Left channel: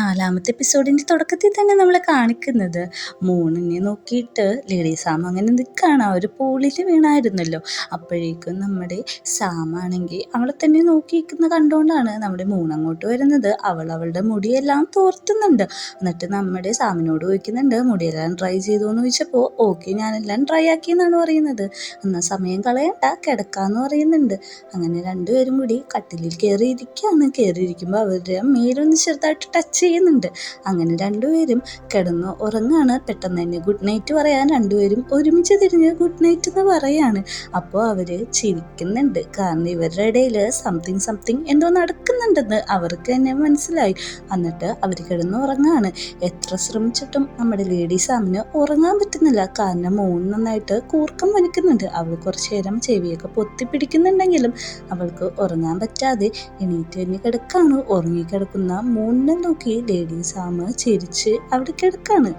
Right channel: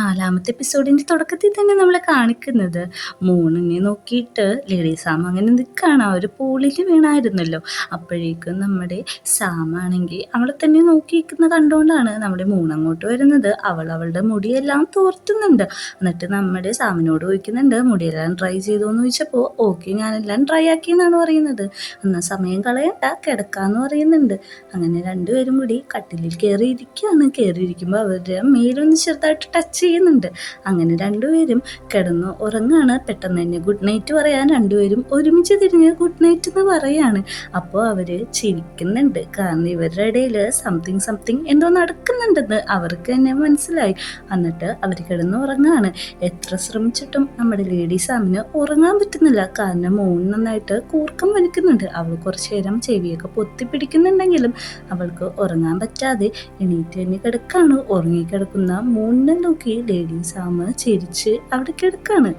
നാലാമത്തെ എപ്പിസോഡിൻ്റെ തുടക്കത്തിൽ തന്നെ നമ്മളെ കാണിക്കുന്നത് മൂണിനെ നോക്കിയിട്ട് ലേഡി സാം അങ്ങനെ നിൽക്കുകയാണ്. ആ ഒരു പൂളിൽ വീണായിരുന്നല്ലോ. അപ്പോഴേക്കും നമ്മുടെ സാമാണെങ്കിൽ അവളെ തന്നെ നോക്കി നിൽക്കുന്ന കണ്ടുകൊണ്ടാണ് നമ്മുടെ മൂണങ്ങോട്ട് വരുന്നത്. അവളുടെ മുടിയെല്ലാം തോർത്തുന്നുണ്ട്. എന്നിട്ട് നമ്മുടെ സാമിനോട് ചോദിക്കുന്നുണ്ട്, മുടിയെല്ലാം ട്രൈ ചെയ്തു എന്ന് ചോദിച്ചപ്പോൾ ഓക്കെ ഞാനെല്ലാം ട്രൈ ആക്കി എന്നാണ് പറയുന്നത്. എന്നാൽ സമയം കളയണ്ട, കിടക്കാന്ന് പറയുന്നുണ്ട്. അങ്ങനെ രണ്ടുപേരും കൂടി കട്ടിലിൽ കയറിയിരിക്കുമ്പോൾ അവരുടെ മേലൊന്ന് ചെറുതായിട്ട് ടച്ച് ചെയ്യുന്നുണ്ട്. അങ്ങനെ രണ്ടുപേരും കിടന്നു ഉറങ്ങാണ്. പെട്ടെന്ന് തന്നെ ഗുഡ് നൈറ്റ് പറയാൻ രണ്ടുപേരും ഒരുമിച്ച് തിരിഞ്ഞ് ഗുഡ് നൈറ്റ് എന്ന് പറയാണ്. അപ്പോൾ അവര് ചിരിക്കുന്നുണ്ട്. കാരണം ഇവരുടെ ഇടയിൽ സംതിങ് എന്തോ നടക്കുന്നുണ്ടെന്ന് അവർക്ക് തന്നെ മനസ്സിലായി. എന്നിട്ട് അവർ കിടന്നു ഉറങ്ങാണ്. എത്ര ശ്രമിച്ചിട്ടും നമ്മുടെ ലേഡി സാമിന് ഉറങ്ങാൻ പറ്റുന്നില്ല. കാരണം മൂൺ നന്നായിട്ട് കൂർക്കം വലിക്കുന്നുണ്ട്. അവൾ കുറച്ചു നേരം ചെവിയൊക്കെ പൊത്തി പിടിക്കുന്നുണ്ടെങ്കിലും അവൾക്ക് ഉറങ്ങാൻ പറ്റാതെ എണീറ്റ് തന്നെ കിടക്കാണ്. ഉറങ്ങിക്കിടക്കുന്ന മൂണിനെ നോക്കി ലേഡി സാം ചിരിച്ച് അവിടെ കിടക്കാണ്.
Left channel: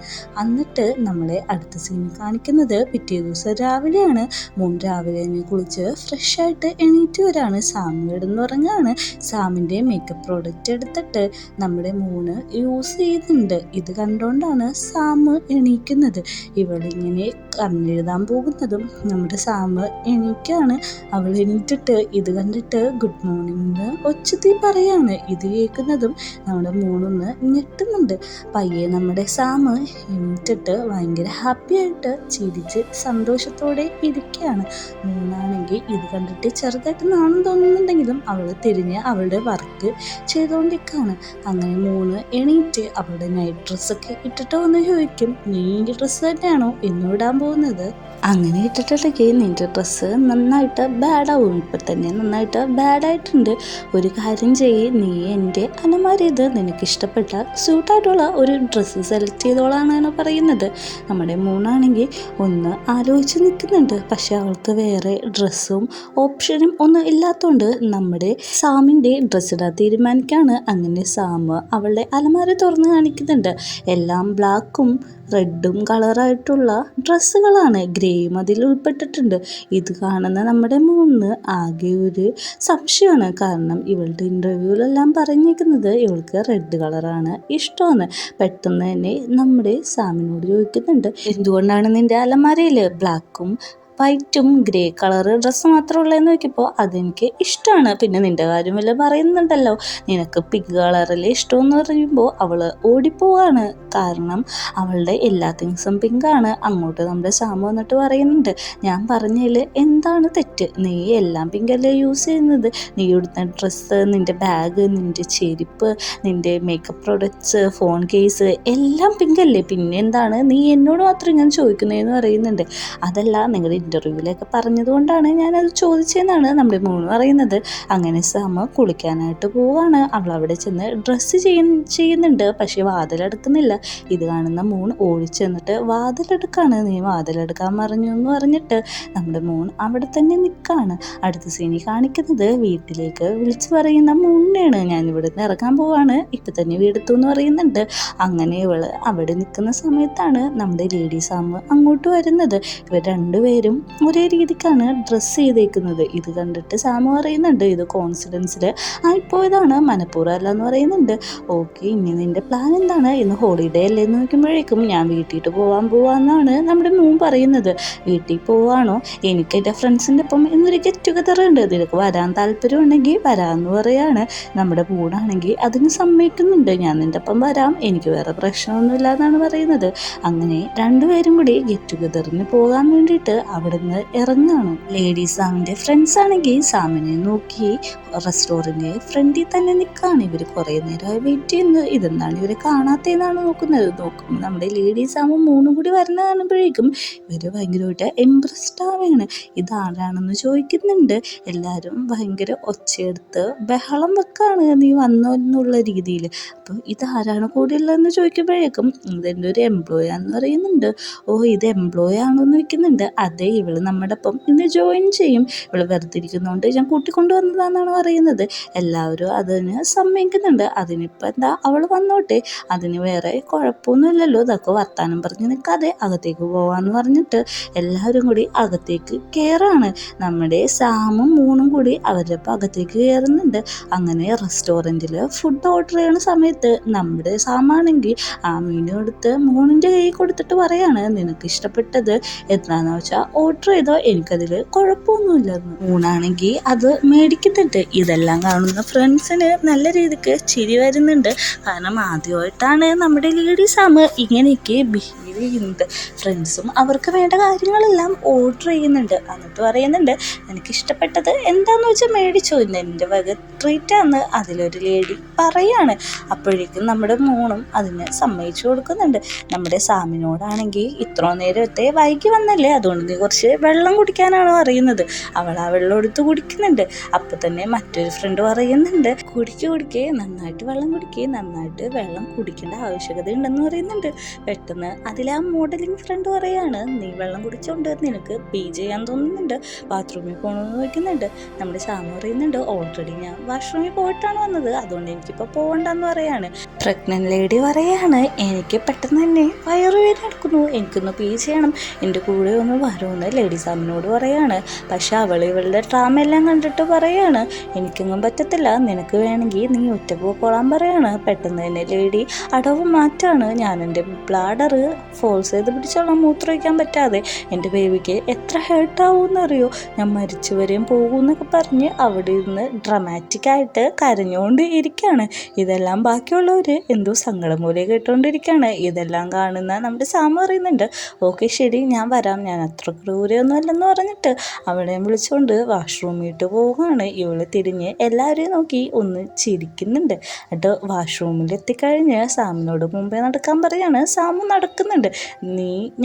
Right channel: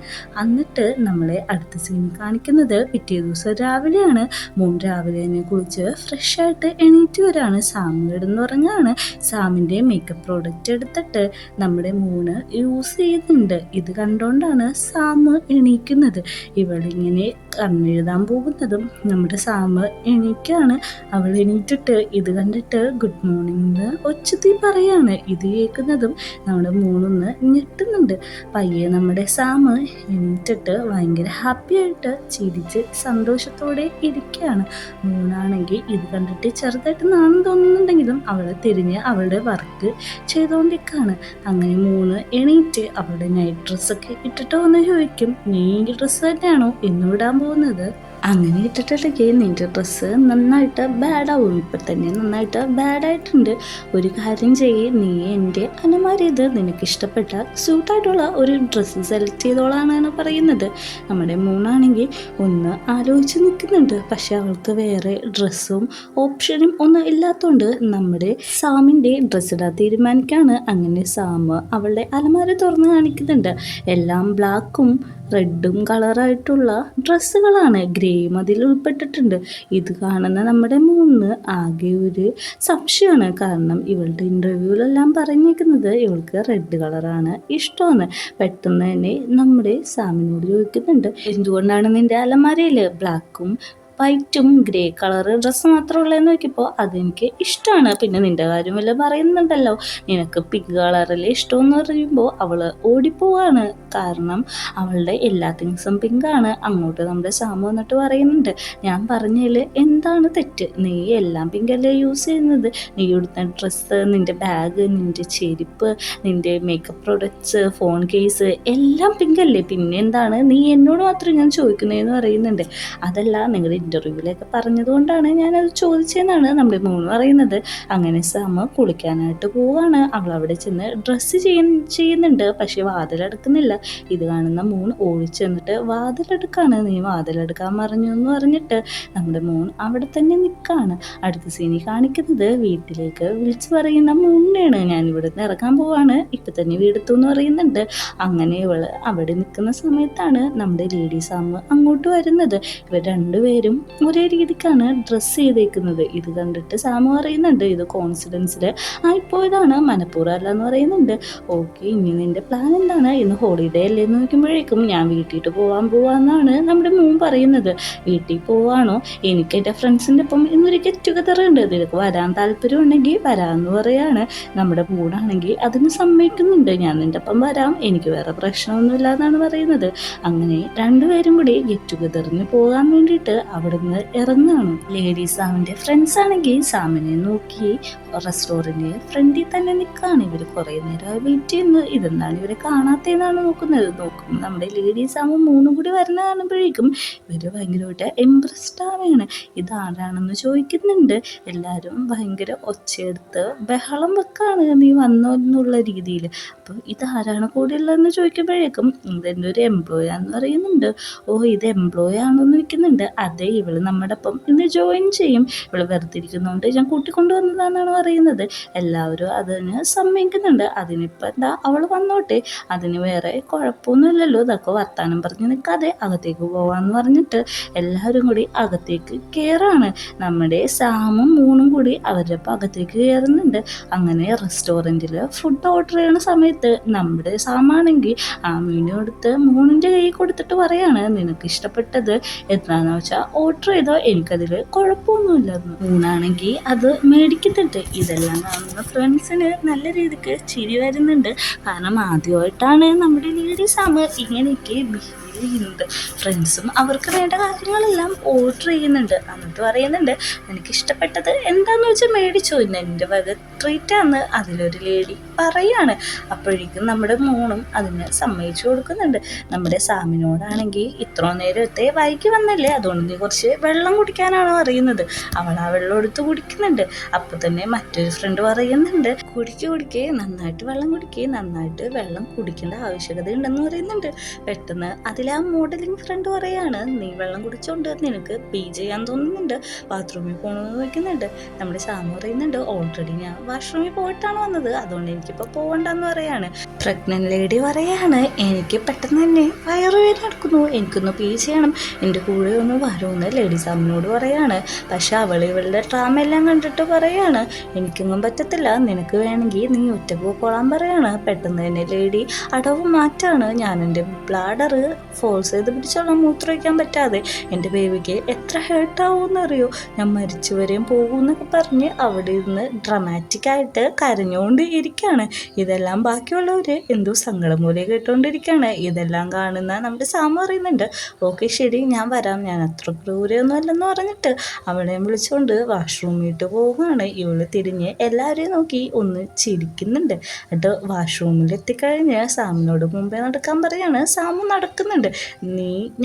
എന്നിട്ട് നമ്മളെ അടുത്ത സീൻ കാണിക്കുന്നത് പിറ്റേ ദിവസം രാവിലെയാണ്. മൂൺ രാവിലെ തന്നെ കുളിച്ച് ഫ്രഷ് ആയിട്ട് എണീറ്റ് വരാണ്. സാം കിടന്നുറങ്ങാണ്. സാമിൻ്റെ മേക്കപ്പ് പ്രോഡക്റ്റ് എടുത്തിട്ട് നമ്മുടെ മൂണ് യൂസ് ചെയ്യുന്നുണ്ട്. ഇത് കണ്ടുകൊണ്ടാണ് സാം എണീക്കുന്നത്. ഇവളിങ്ങനെ കണ്ണെഴുതാൻ പോകുന്നതും നമ്മുടെ സാം എണീക്കാണ്. അവൾ എണീറ്റിട്ട് ഇത് കണ്ടിട്ട് ഗുഡ് മോർണിംഗ് ഒച്ചത്തിൽ പറയാണ്. ഇത് കേൾക്കുന്നതും നമ്മുടെ മൂണൊന്ന് ഞെട്ടുന്നുണ്ട്. പയ്യെ നമ്മുടെ സാം എണീറ്റിട്ട് ഭയങ്കര ഹാപ്പി ആയിട്ട് ചിരിച്ച് സന്തോഷത്തോടെ ഇരിക്കുകയാണ്. മൂണാണെങ്കിൽ ഇത് കണ്ടിട്ട് ചെറുതായിട്ട് നാണം തോന്നുന്നുണ്ടെങ്കിലും അവളെ തിരിഞ്ഞ് അവളുടെ വർക്ക് ചെയ്തുകൊണ്ടിരിക്കുകയാണ്. അങ്ങനെ മൂണ് എണീറ്റ് അവളുടെ നൈറ്റ് ഡ്രസ്സൊക്കെ ഇട്ടിട്ട് വന്ന് ചോദിക്കും, നീ ഈ ഡ്രസ്സ് തന്നെയാണോ എന്നും ഇടാൻ പോകുന്നത്? അങ്ങനെ ഇട്ടിട്ടുണ്ടെങ്കിൽ നിൻ്റെ ഡ്രസ്സ് നന്നായിട്ട് ബാഡാവും. ഇപ്പം തന്നെ നന്നായിട്ട് ബാഡായിട്ടുണ്ട്. ഒരു കാര്യം ചെയ്യ്, നീ എൻ്റെ അലമാരി ഇത് നിനക്കിഷ്ടപ്പെട്ട സ്യൂട്ടായിട്ടുള്ള ഒരു ഡ്രസ്സ് സെലക്ട് ചെയ്തോളാണ് പറയുന്നത്. നമ്മുടെ മൂണാണെങ്കിൽ ഒന്ന് ആലോചിച്ച് നിൽക്കുന്നുണ്ട്. പക്ഷെ അവൾക്ക് വേറെ ഡ്രസ്സും ഓപ്ഷനും ഒന്നും ഇല്ലാത്തതുകൊണ്ട് നമ്മുടെ സാമിൻ്റെ ഡ്രസ്സ് ഇടാൻ തീരുമാനിക്കുകയാണ്. അങ്ങനെ സാം അവളുടെ അലമാരി തുറന്ന് കാണിക്കുന്നുണ്ട്. എല്ലാം ബ്ലാക്കും റെഡും കളറായിട്ടുള്ള ഡ്രസ്സുകളാണ്. ഗ്രേയും അതിൽ ഉൾപ്പെട്ടിട്ടുണ്ട്. ഇത് കാണുന്ന നമ്മുടെ മൂന്ന് ആകെ ഒരു സംശയമാണ്. കാരണം ഇവളുടെ ഇൻ്റർവ്യൂവിലെല്ലാം പറഞ്ഞിരിക്കുന്നത് ഇവൾക്ക് റെഡ് കളറാണ് ഇഷ്ടമാണ്. പെട്ടെന്ന് തന്നെ നമ്മുടെ സാമിനോട് ചോദിക്കുന്നുണ്ട്, എന്തുകൊണ്ടാണ് നിൻ്റെ അലമാരയിൽ ബ്ലാക്കും വൈറ്റും ഗ്രേ കളർ ഡ്രസ്സ് മാത്രമുള്ളതെന്ന് നോക്കിയപ്പോൾ അതെനിക്ക് ഇഷ്ടമാണ്. പിന്നെ നിൻ്റെ കാര്യം വല്ല പറയുന്നുണ്ടല്ലോ, നിനക്ക് പിങ്ക് കളറിൽ ഇഷ്ടമെന്ന് പറയുമ്പോൾ അവൾ ഓടിപ്പോവാണ്. കാരണം അവളുടെ എല്ലാ തിങ്സും പിങ്കാണ്. അങ്ങോട്ട് നമ്മുടെ സാമ വന്നിട്ട് പറയുന്നുണ്ട്, ഞാൻ പറഞ്ഞതിൽ എന്താണ് തെറ്റ്? നീ എല്ലാം പിങ്കല്ലേ യൂസ് ചെയ്യുന്നത്. നീ എടുത്ത ഡ്രസ്സ്, നിൻ്റെ ബാഗ്, നിൻ്റെ ചെരുപ്പ്, നിൻ്റെ മേക്കപ്പ് പ്രൊഡക്ട്സ്, ഫോൺ കേസ് എല്ലാം പിങ്കല്ലേ. പിന്നെ എന്താണ് നീ എന്നോട് മാത്രം ഞാൻ ചോദിക്കുന്നതെന്ന് പറയുന്നുണ്ട്. അതല്ല, നിങ്ങളുടെ ഇൻ്റർവ്യൂവിലൊക്കെ പറഞ്ഞതുകൊണ്ടാണ് ഞാനത് ചോദിച്ചതെന്നാണ് നമ്മുടെ മൂന്ന് പറയുന്നത്. അങ്ങനെ സാമ കുളിക്കാനായിട്ട് പോവാണ്. അവൾ അവിടെ ചെന്ന് ഡ്രസ്സ് ചെയ്യുന്നുണ്ട്. പക്ഷെ വാതിലടക്കുന്നില്ല. ഇത് കാണുന്ന മൂൺ ഓടിച്ചെന്നിട്ട് വാതിലെടുക്കാണ്. നീ വാതിലെടുക്കാൻ പറഞ്ഞു എന്ന് പറഞ്ഞിട്ട് നമ്മുടെ മൂൺ അവിടെ തന്നെ നിൽക്കുകയാണ്. അടുത്ത സീനിൽ കാണിക്കുന്നത് വീട്ടിലേക്ക് വിളിച്ചു പറയുന്ന മൂണിനെയാണ്. ഞാൻ ഇവിടെ നിന്ന് ഇറങ്ങാൻ പോവാണ്, ഇപ്പം തന്നെ വീടെത്തു എന്ന് പറയുന്നുണ്ട്. അങ്ങനെ ഇവള് അവിടെ നിൽക്കുന്ന സമയത്താണ് നമ്മുടെ ലേഡി സാം അങ്ങോട്ട് വരുന്നത്. ഇവർ രണ്ടുപേരും ഒരേ രീതിക്കാണ് ഡ്രസ്സ് ചെയ്തേക്കുന്നത്. ഇത് കണ്ടിട്ട് സാം പറയുന്നുണ്ട്, ഇത് കോൺഫിഡൻസിൽ ആയിപ്പോയതാണ്, മനഃപൂർവ്വം അല്ല എന്ന് പറയുന്നുണ്ട്. ഓക്കെ, ഇനി നിൻ്റെ പ്ലാൻ എന്താണ്? ഇന്ന് ഹോളിഡേ അല്ലേ എന്ന് നോക്കുമ്പോഴേക്കും ഞാൻ വീട്ടിൽ പോവാന്നാണ് നമ്മുടെ മൂൺ പറയുന്നത്. വീട്ടിൽ പോവാണോ? എനിക്ക് എൻ്റെ ഫ്രണ്ട്സിൻ്റെ ഒപ്പം ഇന്നൊരു ഗെറ്റ് ടുഗദർ ഉണ്ട്, നിനക്ക് വരാൻ താല്പര്യമുണ്ടെങ്കിൽ വരാമെന്ന് പറയാണ്. നമ്മുടെ മൂണാണെങ്കിൽ അതിന് സമ്മതിക്കുന്നുണ്ട്. ഞാൻ നിൻ്റെ ഒപ്പം വരാം, എനിക്ക് വേറെ പ്രശ്നമൊന്നുമില്ല എന്നാണ് പറയുന്നത്. അങ്ങനെ രണ്ടുപേരും കൂടി ഗെറ്റ് ടുഗദറിന് പോകാൻ വേണ്ടിയിട്ട് അവിടുന്ന് ഇറങ്ങുകയാണ്. ലേഡി സാമിൻ്റെ ഫ്രണ്ട്സ് ആണെങ്കിൽ സാമിനെ നോക്കി റെസ്റ്റോറൻറ്റ് ഫ്രണ്ടിൽ തന്നെ നിൽക്കുകയാണ്. ഇവർ കുറേ നേരം വെയിറ്റ് ചെയ്യുന്നത്. ഇതെന്താണ് ഇവർ കാണാത്തതെന്നാണ് നോക്കുമ്പോൾ നമ്മുടെ ലേഡി സാമും മൂന്നും കൂടി വരണ കാണുമ്പോഴേക്കും ഇവർ ഭയങ്കരമായിട്ട് ഇംപ്രസ്ഡ് ആവുകയാണ്. ഇതാരാണെന്ന് ചോദിക്കുന്നുണ്ട്. എല്ലാവരും ഭയങ്കര ഒച്ചയെടുത്ത് ബഹളം വെക്കുകയാണ്, നീ വന്നോ എന്നുള്ള രീതിയിൽ. അപ്പോൾ ഇതാരാണ് കൂടെയുള്ളതെന്ന് ചോദിക്കുമ്പോഴേക്കും ഇതെൻ്റെ ഒരു എംപ്ലോയി ആണെന്ന് പറയുന്നുണ്ട്. ഓ, ഇത് എംപ്ലോയി ആണെന്ന് ചോദിക്കുന്നുണ്ട്. അതെ, ഇവള് നമ്മുടെ ഒപ്പം ഇന്ന് ജോയിൻ ചെയ്യും, ഇവള് വെറുതെ ഇരിക്കുന്നതുകൊണ്ട് ഞാൻ കൂട്ടിക്കൊണ്ടുവന്നതാണെന്നാണ് പറയുന്നത്. എല്ലാവരും അതിന് സമ്മതിക്കുന്നുണ്ട്. അതിനിപ്പോൾ എന്താ അവൾ വന്നോട്ടെ, അതിന് വേറെ കുഴപ്പമൊന്നുമില്ലല്ലോ, ഇതൊക്കെ വർത്താനം പറഞ്ഞ് നിൽക്കാതെ അകത്തേക്ക് പോവാന്ന് പറഞ്ഞിട്ട് എല്ലാവരും കൂടി അകത്തേക്ക് കയറാണ്. നമ്മുടെ സാമും മൂണും കൂടി അവരുടെ അകത്തേക്ക് കയറുന്നുണ്ട്. അങ്ങനെ റെസ്റ്റോറൻറ്റിൽ ഫുഡ് ഓർഡർ ചെയ്യുന്ന സമയത്ത് നമ്മുടെ സാമാണെങ്കിൽ ആ മെനു എടുത്ത് മൂണിൻ്റെ കൈ കൊടുത്തിട്ട് പറയാണ്, നിനക്ക് ഇഷ്ടപ്പെട്ടത് എന്താണെന്ന് വെച്ചാൽ ഓർഡർ ചെയ്തോ, എനിക്കതിൽ കുഴപ്പമൊന്നുമില്ലെന്ന്. മൂണാണെങ്കിൽ അത് മേടിക്കുന്നുണ്ട്. ഇതെല്ലാം കാണുന്ന ഫ്രണ്ട്സിന് നല്ല രീതിക്ക് ചിരി വരുന്നുണ്ട്. കാരണം ആദ്യമായിട്ടാണ് നമ്മുടെ ലേഡി സാം ഇങ്ങനെയൊക്കെ ബിഹേവ് ചെയ്യുന്നത്. ഫ്രണ്ട്സും അവർക്ക് വേണ്ട കാര്യങ്ങളെല്ലാം ഓർഡർ ചെയ്യുന്നുണ്ട്. എന്നിട്ട് പറയുന്നുണ്ട്, എനിക്കിഷ്ടപ്പെട്ടത് എന്താണെന്ന് വെച്ചാൽ മേടിച്ചു, ഇന്ന് എൻ്റെ വക ട്രീറ്റാന്ന് അതിലൊരു ലേഡി പറയാണ്. അപ്പോഴേക്കും നമ്മുടെ മൂണും അതിന് സമ്മതിച്ചു കൊടുക്കുന്നുണ്ട്. നമ്മുടെ സാമിനോടാണെങ്കിൽ ഇത്ര നേരത്തെ വൈകി വന്നല്ലേ, അതുകൊണ്ട് നീ കുറച്ച് വെള്ളം കുടിക്കാനാണോ അറിയുന്നത്. അവൾ ആ വെള്ളം എടുത്ത് കുടിക്കുന്നുണ്ട്. അപ്പോൾ തന്നെ മറ്റൊരു ഫ്രണ്ട് പറയുന്നുണ്ട്, കുടിക്കേ നന്നായിട്ട് വെള്ളം കുടിക്കേ, നന്നായിട്ട് വെള്ളം കുടിക്കേണ്ട ആവശ്യകത ഉണ്ടെന്ന് പറയുന്നുണ്ട്. പെട്ടെന്ന് അതിലാ മോഡലിംഗ് ഫ്രണ്ട് പറയാണ്, നീ വെള്ളം കുടിച്ചോണ്ട് നിനക്ക് പീ ചെയ്യാൻ തോന്നുന്നുണ്ട്, ബാത്റൂമിൽ പോകണമെന്ന് വയ്ക്കുന്നുണ്ട്. നമ്മുടെ സാമു പറയുന്നുണ്ട്, ഓൾറെഡി ഞാൻ വാഷ്റൂമിൽ പോയിട്ടാണ് വന്നത്, അതുകൊണ്ട് എനിക്കിപ്പോൾ പോകണ്ടെന്ന് പറയാണ്. പ്രഗ്നന്റ് ലേഡി പറയാണ്, എനിക്ക് പെട്ടെന്ന് തന്നെ വയറുവേദന എടുക്കുന്നു, എനിക്കൊന്ന് പീ ചെയ്യണം, എൻ്റെ കൂടെ ഒന്ന് വരുമെന്ന് ലേഡി സാമിനോട് പറയാണ്. പക്ഷെ ഇവളുടെ ഡ്രാമ എല്ലാം കണ്ടിട്ട് പറയാണ്, എനിക്കൊന്നും പറ്റത്തില്ല, നിനക്ക് വേണമെങ്കിൽ നീ ഒറ്റക്ക് പോയിക്കോളാൻ പറയാണ്. പെട്ടെന്ന് തന്നെ ലേഡി അടവ് മാറ്റാണ്, ഞാൻ എൻ്റെ ബ്ലാഡർ ഫോഴ്സ് ചെയ്ത് പിടിച്ചോളാം, മൂത്രമൊഴിക്കാൻ പറ്റാതെ, എൻ്റെ ബേബിക്ക് എത്ര ഹേർട്ടാവുമെന്ന് അറിയോ, ഞാൻ മരിച്ചു വരെയും പോകുമെന്നൊക്കെ പറഞ്ഞ് അവിടെ ഇരുന്ന് ഡ്രമാറ്റിക്കായിട്ട് കരഞ്ഞുകൊണ്ട് ഇരിക്കുകയാണ്. ഇതെല്ലാം ബാക്കിയുള്ളവർ എന്തോ സങ്കടം പോലെ കേട്ടുകൊണ്ടിരിക്കുകയാണ്. ഇതെല്ലാം കാണുന്ന നമ്മുടെ സാമ പറയുന്നുണ്ട്, ഓക്കെ ശരി ഞാൻ വരാം, ഞാൻ അത്ര ക്രൂരൊന്നും അല്ലെന്ന് പറഞ്ഞിട്ട് അവളെ വിളിച്ചുകൊണ്ട് വാഷ്റൂമിട്ട് പോവുകയാണ്. ഇവള് തിരിഞ്ഞ് എല്ലാവരെയും നോക്കി ഒന്ന് ചിരിക്കുന്നുണ്ട്. എന്നിട്ട് വാഷ്റൂമിൽ എത്തിക്കഴിഞ്ഞ് സാമിനോട് മുമ്പേ നടക്കാൻ പറയാണ്. സാമു നടക്കുന്നുണ്ട്.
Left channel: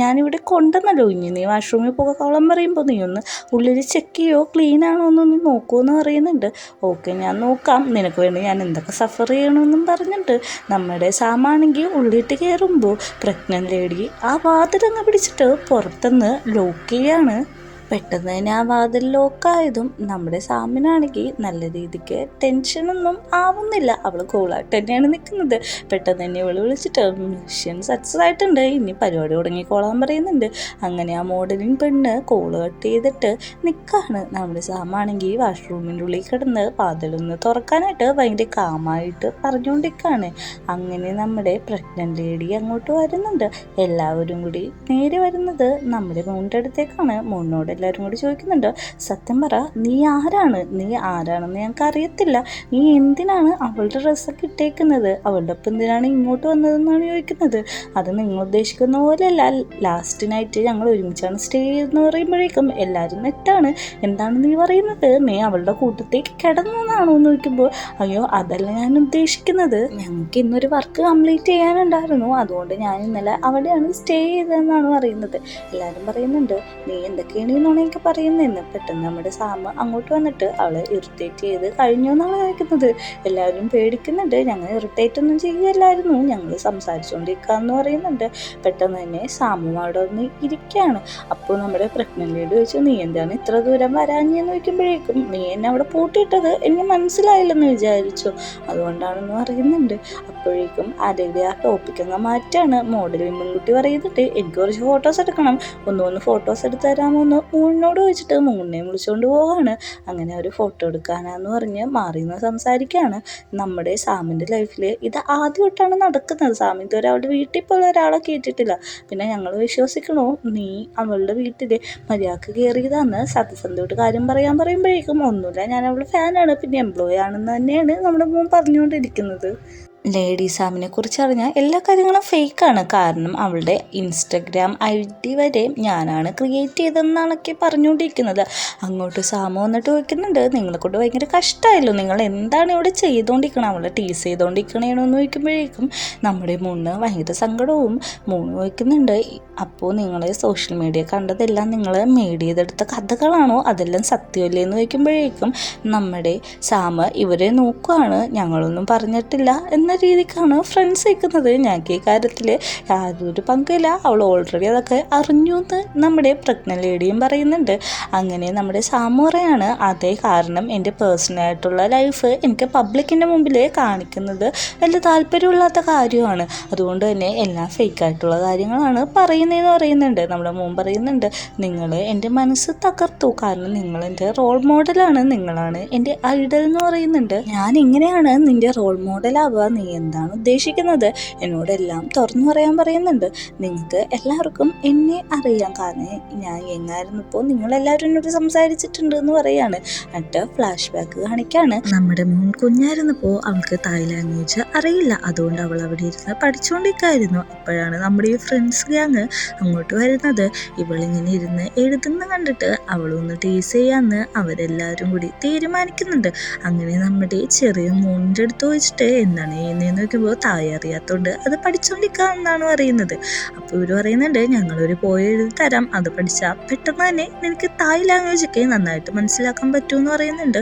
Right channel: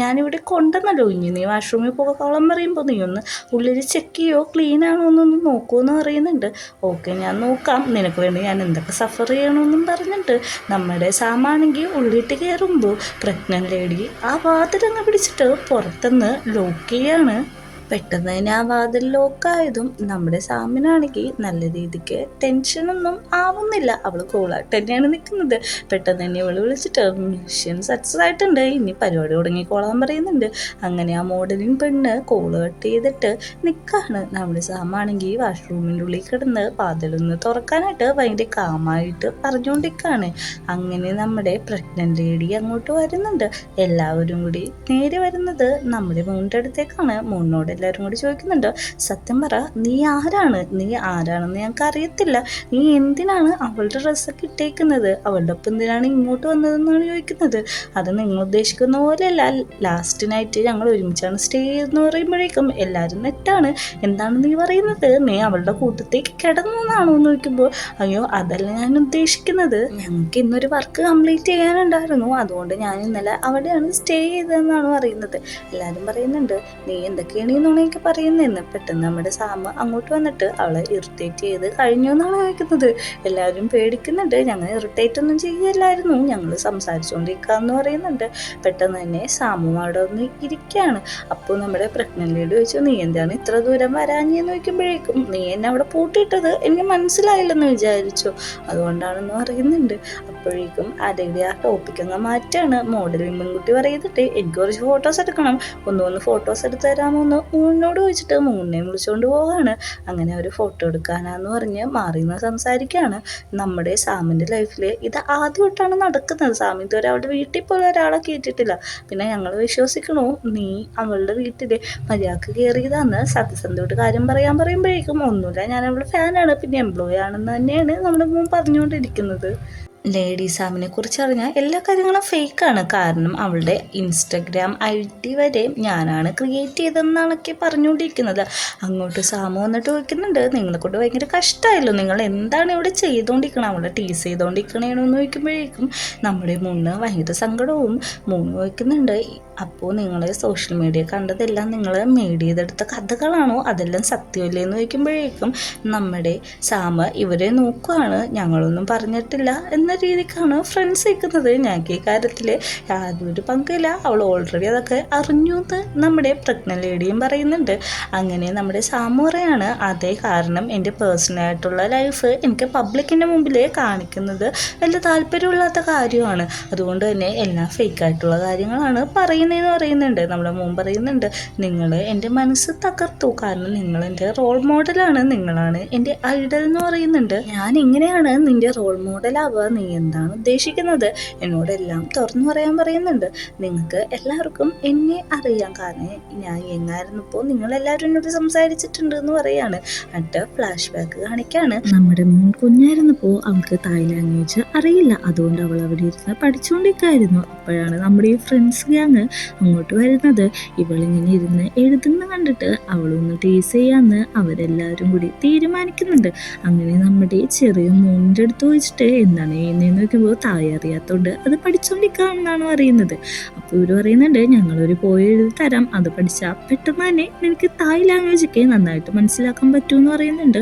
ഞാനിവിടെ കൊണ്ടുവന്നല്ലോ, ഇനി നീ വാഷ്റൂമിൽ പോകാൻ പറയുമ്പോൾ നീ ഒന്ന് ഉള്ളിൽ ചെക്ക് ചെയ്യോ, ക്ലീൻ ആണോ എന്നൊന്ന് നോക്കുമെന്ന് പറയുന്നുണ്ട്. ഓക്കെ ഞാൻ നോക്കാം, നിനക്ക് വേണ്ടി ഞാൻ എന്തൊക്കെ സഫർ ചെയ്യണമെന്നും പറഞ്ഞിട്ട് നമ്മുടെ സാമാണെങ്കിൽ ഉള്ളിട്ട് കയറുമ്പോൾ പ്രഗ്നന്റ് ലേഡി ആ വാതിലങ്ങ് പിടിച്ചിട്ട് പുറത്തുനിന്ന് ലോക്ക് ചെയ്യാണ്. പെട്ടെന്ന് തന്നെ ആ വാതിൽ ലോക്കായതും നമ്മുടെ സാമിനാണെങ്കിൽ നല്ല രീതിക്ക് ടെൻഷനൊന്നും ആവുന്നില്ല, അവൾ കൂളായിട്ട് തന്നെയാണ് നിൽക്കുന്നത്. പെട്ടെന്ന് തന്നെ ഇവൾ വിളിച്ചിട്ട് മിഷൻ സക്സസ് ആയിട്ടുണ്ട്, ഇനി പരിപാടി തുടങ്ങിക്കോളാൻ പറയുന്നുണ്ട്. അങ്ങനെ ആ മോഡലിംഗ് പെണ്ണ് കോള് കട്ട് ചെയ്തിട്ട് നിൽക്കാണ്. നമ്മുടെ സാമാണെങ്കിൽ വാഷ്റൂമിൻ്റെ ഉള്ളിൽ കിടന്ന് വാതിലൊന്ന് തുറക്കാനായിട്ട് ഭയങ്കര കാമായിട്ട് പറഞ്ഞുകൊണ്ടിരിക്കുകയാണ്. അങ്ങനെ നമ്മുടെ പ്രഗ്നന്റ് ലേഡി അങ്ങോട്ട് വരുന്നുണ്ട്. എല്ലാവരും കൂടി നേരെ വരുന്നത് നമ്മുടെ മൂണിൻ്റെ അടുത്തേക്കാണ്. മൂണിനോട് എല്ലാവരും കൂടി ചോദിക്കുന്നുണ്ട്, സത്യം പറ, നീ ആരാണെന്ന് ഞങ്ങൾക്ക് അറിയത്തില്ല, നീ എന്തിനാണ് അവളുടെ ഡ്രസ്സൊക്കെ ഇട്ടേക്കുന്നത്, അവളുടെ ഒപ്പം എന്തിനാണ് ഇങ്ങോട്ട് വന്നതെന്നാണ് ചോദിക്കുന്നത്. അത് നിങ്ങൾ ഉദ്ദേശിക്കുന്ന പോലെയല്ല, ലാസ്റ്റ് നൈറ്റ് ഞങ്ങൾ ഒരുമിച്ചാണ് സ്റ്റേ ചെയ്തെന്ന് പറയുമ്പോഴേക്കും എല്ലാവരും നെറ്റാണ്, എന്താണ് നീ പറയുന്നത്, നീ അവളുടെ കൂട്ടത്തേക്ക് കിടന്നു എന്നാണോ എന്ന് ചോദിക്കുമ്പോൾ, അയ്യോ അതല്ല ഞാൻ ഉദ്ദേശിക്കുന്നത്, ഞങ്ങൾക്ക് ഇന്നൊരു വർക്ക് കംപ്ലീറ്റ് ചെയ്യാനുണ്ടായിരുന്നു, അതുകൊണ്ട് ഞാൻ ഇന്നലെ അവിടെയാണ് സ്റ്റേ ചെയ്തതെന്നാണ് പറയുന്നത്. എല്ലാവരും പറയുന്നുണ്ട്, നീ എന്തൊക്കെയാണ് നുണയൊക്കെ പറയുന്നതെന്ന്. പെട്ടെന്ന് നമ്മുടെ സാമ അങ്ങോട്ട് വന്നിട്ട് അവളെ ഇറിറ്റേറ്റ് ചെയ്ത് കഴിഞ്ഞു എന്നാണ് ചോദിക്കുന്നത്. എല്ലാവരും പേടിക്കുന്നുണ്ട്. ഞങ്ങൾ ഇറിറ്റേറ്റ് ഒന്നും ചെയ്യല്ലായിരുന്നു, ഞങ്ങൾ സംസാരിച്ചുകൊണ്ടിരിക്കാന്ന് പറയുന്നുണ്ട്. പെട്ടെന്ന് തന്നെ സാമു അവിടെ ഒന്ന് ഇരിക്കുകയാണ്. അപ്പോൾ നമ്മുടെ പ്രഗ്നന്റ് ലേഡി ചോദിച്ചു, നീ എന്താണ് ഇത്ര ദൂരം വരാഞ്ഞെന്ന് ചോദിക്കുമ്പോഴേക്കും, നീ എന്നെ അവിടെ പൂട്ടിയിട്ടത് എനിക്ക് മനസ്സിലായില്ലെന്ന് വിചാരിച്ചു, അതുകൊണ്ടാണെന്ന് പറയുന്നുണ്ട്. അപ്പോഴേക്കും അതേടെ ആ ടോപ്പിക് അങ്ങ് മാറ്റാണ്. മോഡലിംഗ് മുൻകുട്ടി പറയുന്നുണ്ട്, എനിക്ക് കുറച്ച് ഫോട്ടോസ് എടുക്കണം, ഒന്ന് ഫോട്ടോസ് എടുത്ത് തരാമോ എന്ന് മൂണിനോട് ചോദിച്ചിട്ട് മൂണിനെ വിളിച്ചുകൊണ്ട് പോവാണ്. അങ്ങനെ അവർ ഫോട്ടോ എടുക്കാനാന്ന് പറഞ്ഞ് മാറിയെന്ന് സംസാരിക്കുകയാണ്. നമ്മുടെ സാമിൻ്റെ ലൈഫിൽ ഇത് ആദ്യമായിട്ടാണ് നടക്കുന്നത്. സാമി ഇതുവരെ അവളുടെ വീട്ടിൽ പോലെ ഒരാളെ കയറ്റിയിട്ടില്ല. പിന്നെ ഞങ്ങൾ വിശ്വസിക്കണോ, നീ അവളുടെ വീട്ടിൽ മര്യാദക്ക് കയറിയതാന്ന് സത്യസന്ധമായിട്ട് കാര്യം പറയുമ്പോഴേക്കും ഒന്നുമില്ല, ഞാൻ അവളുടെ ഫാനാണ്, പിന്നെ എംപ്ലോയി ആണെന്ന് തന്നെയാണ് നമ്മുടെ മോൻ പറഞ്ഞുകൊണ്ടിരിക്കുന്നത്. ലേഡി സാമിനെ കുറിച്ച് അറിഞ്ഞാൽ എല്ലാ കാര്യങ്ങളും ഫേക്കാണ്. കാരണം അവളുടെ ഇൻസ്റ്റഗ്രാം ID വരെ ഞാനാണ് ക്രിയേറ്റ് ചെയ്തതെന്നാണൊക്കെ പറഞ്ഞുകൊണ്ടിരിക്കുന്നത്. അങ്ങോട്ട് സാമു വന്നിട്ട് ചോദിക്കുന്നുണ്ട്, നിങ്ങളെ കൊണ്ട് ഭയങ്കര കഷ്ടമായല്ലോ, നിങ്ങൾ എന്താണ് ഇവിടെ ചെയ്തുകൊണ്ടിരിക്കണം, അവളെ ടീസ് ചെയ്തുകൊണ്ടിരിക്കണേന്ന് ചോദിക്കുമ്പോഴേക്കും നമ്മുടെ മൂന്ന് ഭയങ്കര സങ്കടവും. മൂന്ന് ചോദിക്കുന്നുണ്ട്, അപ്പോൾ നിങ്ങൾ സോഷ്യൽ മീഡിയ കണ്ടതെല്ലാം നിങ്ങൾ മേഡ് ചെയ്തെടുത്ത കഥകളാണോ, അതെല്ലാം സത്യമല്ലേ എന്ന് ചോദിക്കുമ്പോഴേക്കും നമ്മുടെ സാമ ഇവരെ നോക്കുകയാണ്. ഞങ്ങളൊന്നും പറഞ്ഞിട്ടില്ല എന്ന രീതിക്കാണ് ഫ്രണ്ട്സ് നിൽക്കുന്നത്. ഞങ്ങൾക്ക് ഈ കാര്യത്തിൽ യാതൊരു പങ്കില്ല. അവൾ ഓൾറെഡി അതൊക്കെ അറിഞ്ഞു എന്ന് നമ്മുടെ പ്രഗ്നൻ്റ് ലേഡിയും പറയുന്നുണ്ട്. അങ്ങനെ നമ്മുടെ സാമു പറയാണ്, അതേ കാരണം എൻ്റെ പേഴ്സണലായിട്ടുള്ള ലൈഫ് എനിക്ക് പബ്ലിക്കിൻ്റെ മുമ്പിൽ കാണിക്കുന്നത് വലിയ താല്പര്യമില്ലാത്ത കാര്യമാണ്. അതുകൊണ്ട് തന്നെ എല്ലാം ഫേക്കായിട്ടുള്ള കാര്യങ്ങളാണ് പറയുന്നതെന്ന് പറയുന്നുണ്ട്. നമ്മുടെ മോൻ പറയുന്നുണ്ട്, നിങ്ങൾ എൻ്റെ മനസ്സ് തകർത്തു. കാരണം നിങ്ങൾ എൻ്റെ റോൾ മോഡലാണ്, നിങ്ങളാണ് എൻ്റെ ഐഡൽ എന്ന് പറയുന്നുണ്ട്. ഞാൻ ഇങ്ങനെയാണ് നിൻ്റെ റോൾ മോഡലാവുക, നീ എന്താണ് ഉദ്ദേശിക്കുന്നത്? എന്നോടെല്ലാം തുറന്നു പറയാൻ പറയുന്നുണ്ട്. നിങ്ങൾക്ക് എല്ലാവർക്കും എന്നെ അറിയാം, കാരണം ഞാൻ എങ്ങായിരുന്നപ്പോൾ നിങ്ങളെല്ലാവരും എന്നോട് സംസാരിച്ചിട്ടുണ്ട് എന്ന് പറയാണ്. എന്നിട്ട് ഫ്ലാഷ് ബാക്ക് കാണിക്കാണ്. നമ്മുടെ മോൻ കുഞ്ഞായിരുന്നപ്പോൾ അവൾക്ക് തായ് ലാംഗ്വേജ് അറിയില്ല, അതുകൊണ്ട് അവൾ അവിടെ ഇരുന്ന് പഠിച്ചുകൊണ്ടിരിക്കുകയായിരുന്നു. അപ്പോഴാണ് നമ്മുടെ ഈ ഫ്രണ്ട്സ് ഗ്യാങ് അങ്ങോട്ട് വരുന്നത്. ഇവളിങ്ങനെ ഇരുന്ന് എഴുതുന്ന കണ്ടിട്ട് അവളൊന്ന് ടീസ് ചെയ്യാന്ന് അവരെല്ലാവരും കൂടി തീരുമാനിക്കുന്നുണ്ട്. അങ്ങനെ നമ്മുടെ ചെറിയ മോൻ്റെ അടുത്ത് ചോദിച്ചിട്ട് എന്താണ് ചെയ്യുന്നതെന്ന് നോക്കുമ്പോൾ താഴെ അറിയാത്തതുകൊണ്ട് അത് പഠിച്ചുകൊണ്ടിരിക്കാമെന്നാണ് പറയുന്നത്. അപ്പോൾ ഇവർ പറയുന്നുണ്ട്, ഞങ്ങളൊരു പോയി എഴുതി തരാം, അത് പഠിച്ചാൽ പെട്ടെന്ന് തന്നെ നിനക്ക് തായ് ലാംഗ്വേജൊക്കെ നന്നായിട്ട് മനസ്സിലാക്കാൻ പറ്റുമെന്ന് പറയുന്നുണ്ട്.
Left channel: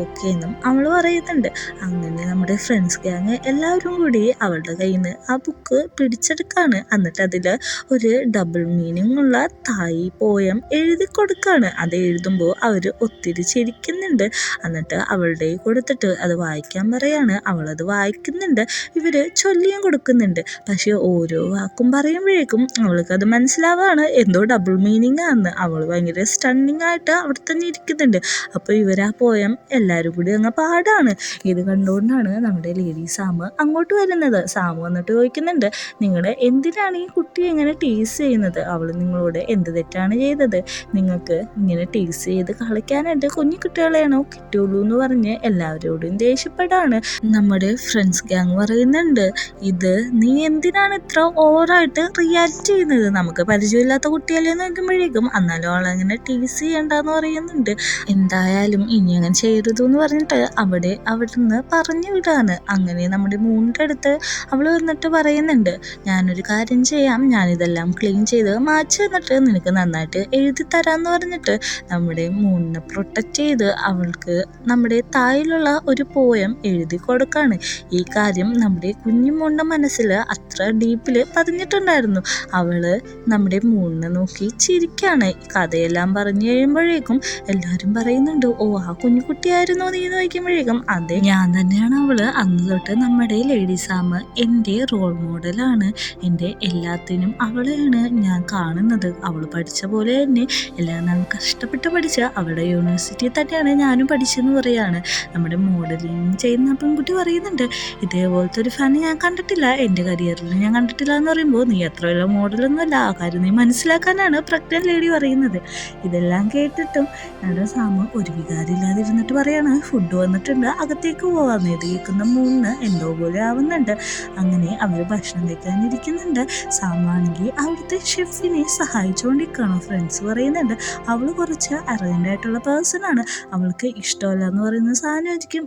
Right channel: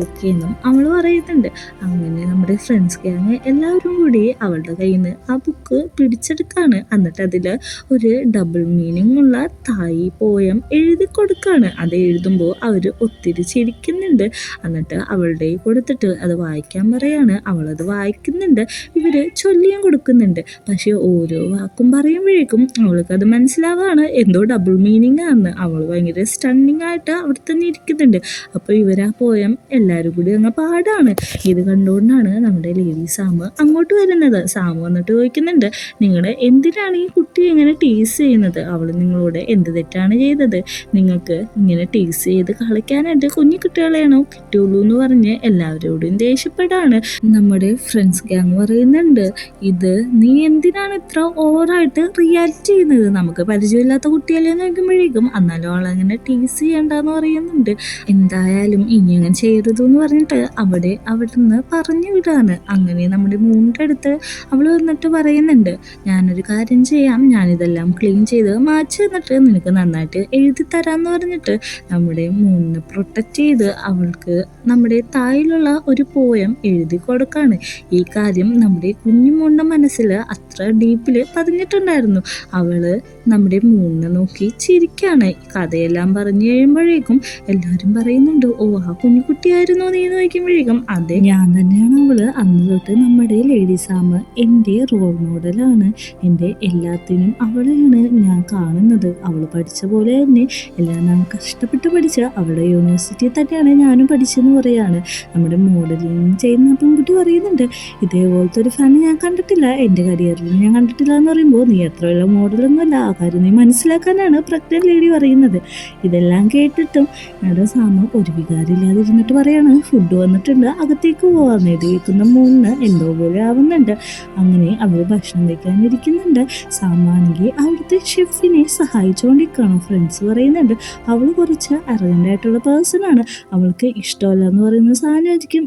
ഓക്കെ എന്നും അവൾ പറയുന്നുണ്ട്. അങ്ങനെ നമ്മുടെ ഫ്രണ്ട്സ് ഗ്യാങ് എല്ലാവരും കൂടി അവളുടെ കയ്യിൽ നിന്ന് ആ ബുക്ക് പിടിച്ചെടുക്കുകയാണ്. എന്നിട്ട് അതിൽ ഒരു ഡബിൾ മീനിങ് ഉള്ള തായ് പോയം എഴുതി കൊടുക്കുകയാണ്. അത് എഴുതുമ്പോൾ അവർ ഒത്തിരി ചിരിക്കുന്നുണ്ട്. എന്നിട്ട് അവളുടെ കൊടുത്തിട്ട് അത് വായിക്കാൻ പറയാണ്. അവളത് വായിക്കുന്നുണ്ട്, ഇവർ ചൊല്ലിയും കൊടുക്കുന്നുണ്ട്. പക്ഷേ ഓരോ വാക്കും പറയുമ്പോഴേക്കും അവൾക്കത് മനസ്സിലാവാണ് എന്തോ ഡബിൾ മീനിങ് ആണെന്ന്. അവൾ ഭയങ്കര സ്റ്റണ്ണിങ് ആയിട്ട് അവിടെ തന്നെ ഇരിക്കുന്നുണ്ട്. അപ്പോൾ ഇവരാ പോയം എല്ലാവരും കൂടി അങ്ങ് പാടാണ്. ഇത് കണ്ടുകൊണ്ടാണ് നമ്മുടെ ലേഡി സാമ് അങ്ങോട്ട് വരുന്നത്. സാമ് വന്നിട്ട് ചോദിക്കുന്നുണ്ട്, നിങ്ങൾ എന്തിനാണ് ഈ കുട്ടിയെ ഇങ്ങനെ ടീസ് ചെയ്യുന്നത്? അവൾ നിങ്ങളോട് എന്ത് തെറ്റാണ് ചെയ്തത്? നിങ്ങൾക്ക് ഇങ്ങനെ ടീസ് ചെയ്ത് കളിക്കാനായിട്ട് കുഞ്ഞു കുട്ടികളെയാണോ കിട്ടുള്ളൂ എന്ന് പറഞ്ഞ് എല്ലാവരോടും ദേഷ്യപ്പെടാണ്. നമ്മുടെ ഫ്രണ്ട്സ് ഗ്യാങ് പറയുന്നുണ്ട്, ഇത് നീ എന്തിനാണ് ഇത്ര ഓവറായിട്ട് റിയാക്ട് ചെയ്യുന്നത്? നമുക്ക് പരിചയമില്ലാത്ത കുട്ടിയല്ലേ നോക്കുമ്പോഴേക്കും എന്നാലും അവളങ്ങനെ ടീസ് ചെയ്യണ്ടെന്ന് പറയുന്നുണ്ട്. എന്തായാലും ഇനി അങ്ങനെ ചെയ്യരുത് എന്ന് പറഞ്ഞിട്ട് അവിടെ നിന്ന് പറഞ്ഞു വിടാണ്. അങ്ങനെ നമ്മുടെ മൂന്നിൻ്റെ അടുത്ത് അവൾ വന്നിട്ട് പറയുന്നുണ്ട്, ഞാനൊരു കാര്യം ചെയ്യാം, ഞാനിതെല്ലാം ക്ലീൻ ചെയ്ത് മാറ്റി വന്നിട്ട് നിനക്ക് നന്നായിട്ട് എഴുതി തരാമെന്ന് പറഞ്ഞിട്ട് നമ്മുടെ മൂന്നിനെ പ്രൊട്ടക്റ്റ് ചെയ്ത് അവൾക്ക് നമ്മുടെ തായിലുള്ള ഒരു പോയം എഴുതി കൊടുക്കാണ്. ഈ കാര്യം നമ്മുടെ കുഞ്ഞുമോളുടെ മനസ്സിൽ അത്ര ഡീപ്പിൽ പതിഞ്ഞിട്ടുണ്ടായിരുന്നു. അവള് നമ്മുടെ മൂന്നിനെ നോക്കി ചിരിക്കാണ്. കഥയെല്ലാം പറഞ്ഞു കഴിയുമ്പോഴേക്കും എല്ലാവരും പറയുന്നുണ്ട്, ഓ ആ കുഞ്ഞുകുട്ടിയായിരുന്നു നീ നോക്കുമ്പോഴേക്കും അതെ ഞാൻ തന്നെയാണ് അവള്. അന്ന് തൊട്ട് നമ്മുടെ ലേഡി സാമ് എൻ്റെ റോൾ മോഡലാണ്, എൻ്റെ എല്ലാത്തിനും അവളെയാണ് ഞാൻ കാണുന്നത്. അവൾ പഠിച്ച പോലെ തന്നെ എല്ലാം ഞാൻ കഷ്ടപ്പെട്ട് പഠിച്ച അവളുടെ യൂണിവേഴ്സിറ്റിയിൽ തന്നെയാണ് ഞാനും പഠിച്ചെന്ന് പറയാണ്. നമ്മുടെ മോഡലിംഗ് ചെയ്യുന്ന പെൺകുട്ടി പറയുന്നുണ്ട്, ഇതേപോലത്തെ ഒരു ഫാൻ ഞാൻ കണ്ടിട്ടില്ല, എൻ്റെ കരിയറിൽ ഞാൻ കണ്ടിട്ടില്ല എന്ന് പറയുമ്പോൾ നീ അത്ര വലിയ മോഡലൊന്നുമല്ല, ആ കാര്യം നീ മനസ്സിലാക്കാനാണ് പ്രഗ്നൻ്റ് ലേഡി പറയുന്നത്. ഇതെല്ലാം കേട്ടിട്ടും ഞങ്ങളുടെ സാമ ഒരു വികാരമില്ലാതിരുന്നിട്ട് പറയാണ്, ഫുഡ് വന്നിട്ടുണ്ട് അകത്തേക്ക് പോകാമെന്ന്. ഇത് കേൾക്കുന്ന മൂന്ന് എന്തോ പോലെ ആവുന്നുണ്ട്. അങ്ങനെ അവർ ഭക്ഷണം കഴിക്കാനിരിക്കുന്നുണ്ട്. സാമാണെങ്കിൽ അവിടുത്തെ ഷെഫിനെ സഹായിച്ചുകൊണ്ടിരിക്കുകയാണ്. ഫ്രണ്ട്സ് പറയുന്നുണ്ട്, അവൾ കുറച്ച് അറജൻ്റായിട്ടുള്ള പേഴ്സണാണ്, അവൾക്ക് ഇഷ്ടമല്ല എന്ന് പറയുന്ന സാധനമായിരിക്കും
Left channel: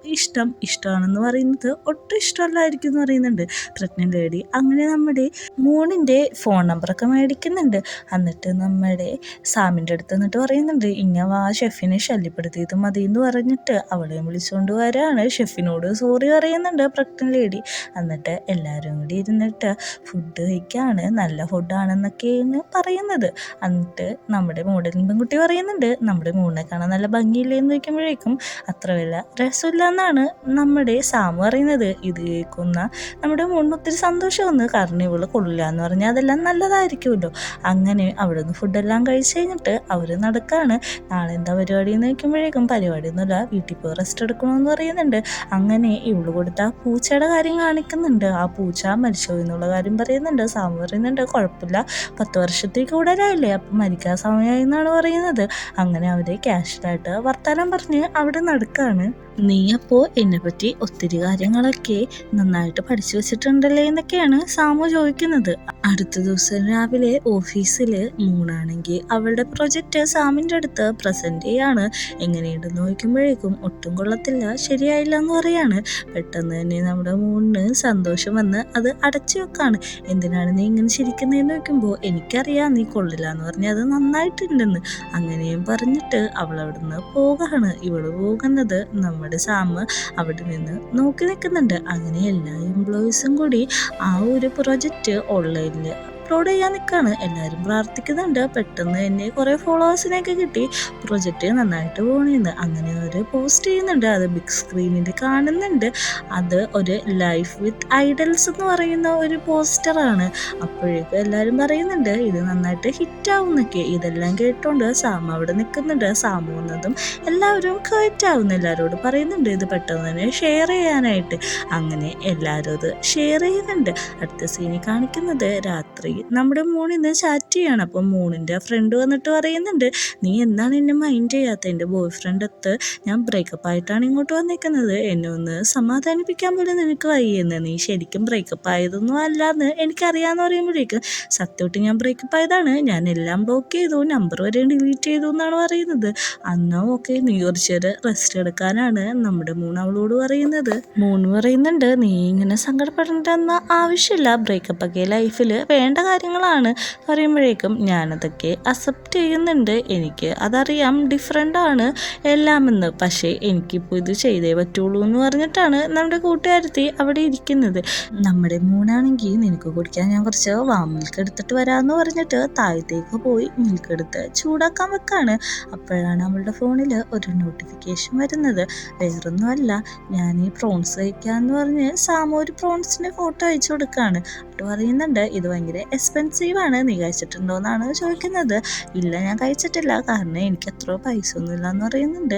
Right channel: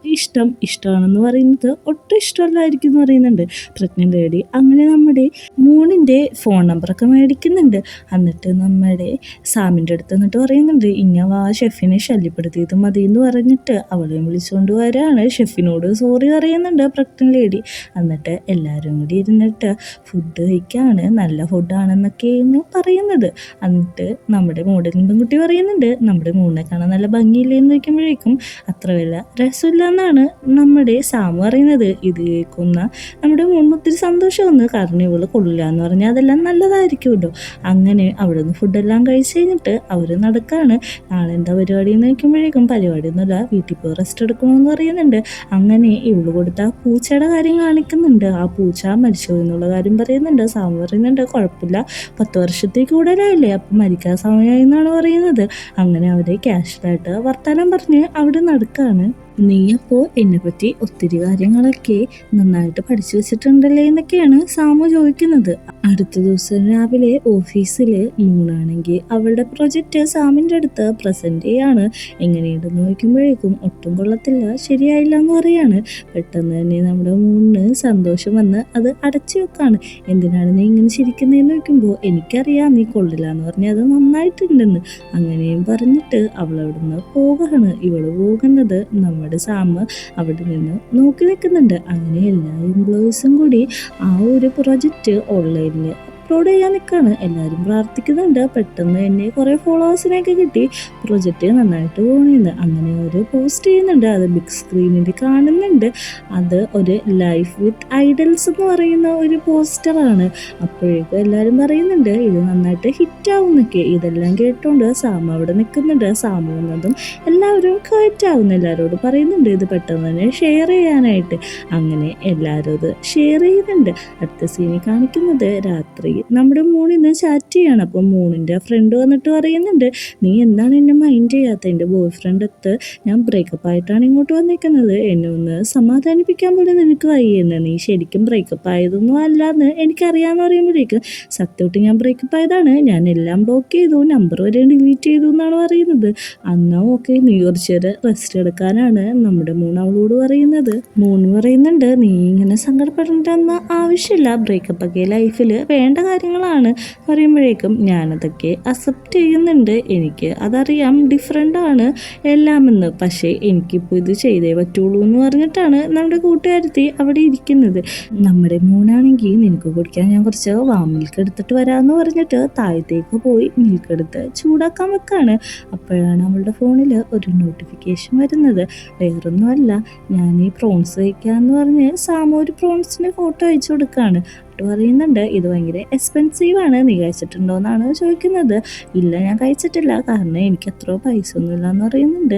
ഇഷ്ടമാണെന്ന് പറയുന്നത് ഒട്ടും ഇഷ്ടമല്ലായിരിക്കും എന്ന് പറയുന്നുണ്ട് പ്രഗ്നൻ്റ് ലേഡി. അങ്ങനെ നമ്മുടെ മോണിൻ്റെ ഫോൺ നമ്പറൊക്കെ മേടിക്കുന്നുണ്ട്. എന്നിട്ട് നമ്മുടെ സാമിൻ്റെ അടുത്ത് എന്നിട്ട് പറയുന്നുണ്ട്, ഇങ്ങനെ ആ ഷെഫിനെ ശല്യപ്പെടുത്തിയത് മതി എന്ന് പറഞ്ഞിട്ട് അവളെയും വിളിച്ചുകൊണ്ട് വരികയാണ്. ഷെഫിനോട് സോറി പറയുന്നുണ്ട് പ്രഗ്നൻ്റ് ലേഡി. എന്നിട്ട് എല്ലാവരും കൂടി ഇരുന്നിട്ട് ഫുഡ് കഴിക്കുകയാണ്. നല്ല ഫുഡാണെന്നൊക്കെയാണ് പറയുന്നത്. എന്നിട്ട് നമ്മുടെ മോഡലിംഗ് പെൺകുട്ടി പറയുന്നുണ്ട്, നമ്മുടെ മോളിനെ കാണാൻ നല്ല ഭംഗിയില്ലേന്ന് ചോദിക്കുമ്പോഴേക്കും അത്ര വല്ല രസമില്ല എന്നാണ് നമ്മുടെ സാമു പറയുന്നത്. ഇത് കേൾക്കുന്ന നമ്മുടെ മോളിന് ഒത്തിരി സന്തോഷം വന്നു, കാരണം ഇവള് കൊള്ളില്ല എന്ന് പറഞ്ഞാൽ അതെല്ലാം നല്ലതായിരിക്കുമല്ലോ. അങ്ങനെ അവിടെ നിന്ന് ഫുഡെല്ലാം കഴിച്ച് കഴിഞ്ഞിട്ട് അവർ നടക്കുകയാണ്. നാളെ എന്താ പരിപാടി എന്ന് ചോദിക്കുമ്പോഴേക്കും പരിപാടിയൊന്നുമില്ല, വീട്ടിൽ പോയി റെസ്റ്റ് എടുക്കണമെന്ന് പറയുന്നുണ്ട്. അങ്ങനെ ഇവള് കൊടുത്ത പൂച്ചയുടെ കാര്യം കാണിക്കുന്നുണ്ട്. ആ പൂച്ച മരിച്ചോ എന്നുള്ള കാര്യം പറയുന്നുണ്ട്. സാമു പറയുന്നുണ്ട്, കുഴപ്പമില്ല, 10 വർഷത്തേക്ക് കൂടുതലായില്ലേ, അപ്പം മരിക്കാൻ സമയമായി എന്നാണ് പറയുന്നത്. അങ്ങനെ അവരെ ക്യാഷ്വലായിട്ട് വർത്താനം പറഞ്ഞ് അവിടെ നടക്കുകയാണ്. നീ അപ്പോൾ എന്നെപ്പറ്റി ഒത്തിരി കാര്യങ്ങളൊക്കെ നന്നായിട്ട് പഠിച്ചു വെച്ചിട്ടുണ്ടല്ലേ എന്നൊക്കെയാണ് സാമു ചോദിക്കുന്നത്. അടുത്ത ദിവസം രാവിലെ ഓഫീസിൽ മൂണാണെങ്കിൽ അവളുടെ പ്രൊജക്റ്റ് സാമിൻ്റെ അടുത്ത് പ്രസൻറ്റ് ചെയ്യാണ്. എങ്ങനെയുണ്ടെന്ന് നോക്കുമ്പോഴേക്കും ഒട്ടും കൊള്ളത്തില്ല, ശരിയായില്ല എന്ന് പറയാണ്. പെട്ടെന്ന് തന്നെ നമ്മുടെ മൂണിന് സന്തോഷം വന്ന് അത് അടച്ചു വെക്കാണ്. എന്തിനാണ് നീ ഇങ്ങനെ ചിരിക്കുന്നതെന്ന് നോക്കുമ്പോൾ എനിക്കറിയാം നീ കൊള്ളില്ല എന്ന് പറഞ്ഞാൽ അത് നന്നായിട്ടുണ്ടെന്ന് അങ്ങനെയും പറഞ്ഞിട്ട് അവൾ അവിടെ നിന്ന് പോകാണ്. ഇവള് പോകുന്നത് നമ്മുടെ സാം അവിടെ നിന്ന് നോക്കി നിൽക്കുന്നുണ്ട്. അങ്ങനെ എല്ലാ എംപ്ലോയീസും കൂടി ആ ഒരു പ്രൊജക്റ്റ് ഓൺലൈനിൽ അപ്ലോഡ് ചെയ്യാൻ നിൽക്കുകയാണ്. എല്ലാവരും പ്രാർത്ഥിക്കുന്നുണ്ട്. പെട്ടെന്ന് തന്നെ കുറേ ഫോളോവേഴ്സിനെയൊക്കെ കിട്ടി. പ്രൊജക്റ്റ് നന്നായിട്ട് പോകണമെന്ന് അങ്ങനെ ഒരു പോസ്റ്റ് ചെയ്യുന്നുണ്ട്. അത് ബിഗ് സ്ക്രീനിൽ കാണുന്നുണ്ട്. അത് ഒരു ലൈഫ് വിത്ത് ഐഡൽസ് എന്ന് പറയുന്ന ഒരു പോസ്റ്ററാണ്. അപ്പോഴേക്കും എല്ലാവരും പറയുന്നുണ്ട് ഇത് നന്നായിട്ട് ഹിറ്റാവുന്നൊക്കെ. ഇതെല്ലാം കേട്ടോണ്ട് സാം അവിടെ നിൽക്കുന്നുണ്ട്. സാം വന്നതും എല്ലാവരും ഹിറ്റാവുന്നു. എല്ലാവരോട് പറയുന്നുണ്ട് ഇത് പെട്ടെന്ന് തന്നെ ഷെയർ ചെയ്യാനായിട്ട്. അങ്ങനെ എല്ലാവരും അത് ഷെയർ ചെയ്യുന്നുണ്ട്. അടുത്ത സീനിൽ കാണിക്കുന്നത് രാത്രി നമ്മുടെ മൂണിന്ന് ചാറ്റ് ചെയ്യാണ്. അപ്പം മൂണിൻ്റെ ഫ്രണ്ട് വന്നിട്ട് പറയുന്നുണ്ട് നീ എന്താണ് എന്നെ മൈൻഡ് ചെയ്യാത്ത? എൻ്റെ ബോയ് ഫ്രണ്ട് അടുത്ത് ഞാൻ ബ്രേക്കപ്പ് ആയിട്ടാണ് ഇങ്ങോട്ട് വന്നിരിക്കുന്നത്. എന്നെ ഒന്ന് സമാധാനിപ്പിക്കാൻ പോലും നിനക്ക് വയ്യെന്ന്. നീ ശരിക്കും ബ്രേക്കപ്പ് ആയതൊന്നും അല്ലാന്ന് എനിക്കറിയാമെന്ന് പറയുമ്പോഴേക്കും സത്യമായിട്ട് ഞാൻ ബ്രേക്കപ്പ് ആയതാണ്. ഞാൻ എല്ലാം ബ്ലോക്ക് ചെയ്തു, നമ്പർ വരെ ഡിലീറ്റ് ചെയ്തു എന്നാണ് പറയുന്നത്. അന്നാ ഓക്കെ, നീ കുറച്ചേരം റെസ്റ്റ് എടുക്കാനാണ് നമ്മുടെ മൂന്ന് അവളോട് പറയുന്നത്. മൂന്ന് പറയുന്നുണ്ട് നീ ഇങ്ങനെ സങ്കടപ്പെടേണ്ടെന്ന ആവശ്യമില്ല, ബ്രേക്കപ്പ് ഒക്കെ ലൈഫിൽ വേണ്ട കാര്യങ്ങളാണ് പറയുമ്പോഴേക്കും ഞാനതൊക്കെ അക്സെപ്റ്റ് ചെയ്യുന്നുണ്ട്. എനിക്ക് അതറിയാം ഡിഫറെൻ്റാണ് എല്ലാമെന്ന്. പക്ഷേ എനിക്കിപ്പോൾ ഇത് ചെയ്തേ പറ്റുള്ളൂ എന്ന് പറഞ്ഞിട്ടാണ് നമ്മുടെ കൂട്ടുകാരത്തി അവിടെ ഇരിക്കുന്നത്. നമ്മുടെ മൂന്നാണെങ്കിൽ നിനക്ക് കുടിക്കാൻ ഞാൻ കുറച്ച് വാം മിൽക്ക് എടുത്തിട്ട് വരാമെന്ന് പറഞ്ഞിട്ട് താഴത്തേക്ക് പോയി മിൽക്ക് എടുത്ത് ചൂടാക്കാൻ വെക്കാണ്. അപ്പോഴാണ് അവളുടെ ഫോണിൽ ഒരു നോട്ടിഫിക്കേഷൻ വരുന്നത്. വേറൊന്നുമല്ല, ഞാൻ ഈ പ്രോൺസ് കഴിക്കാമെന്ന് പറഞ്ഞ് സാമ ഒരു പ്രോൺസിൻ്റെ ഫോട്ടോ അയച്ചു കൊടുക്കുകയാണ്. പറയുന്നുണ്ട് ഇത് ഭയങ്കര എക്സ്പെൻസീവാണ്, നീ കഴിച്ചിട്ടുണ്ടോ എന്നാണ് ചോദിക്കുന്നത്. ഇല്ല ഞാൻ കഴിച്ചിട്ടില്ല, കാരണം എനിക്ക് അത്ര പൈസ ഒന്നുമില്ല എന്ന് പറയുന്നുണ്ട്.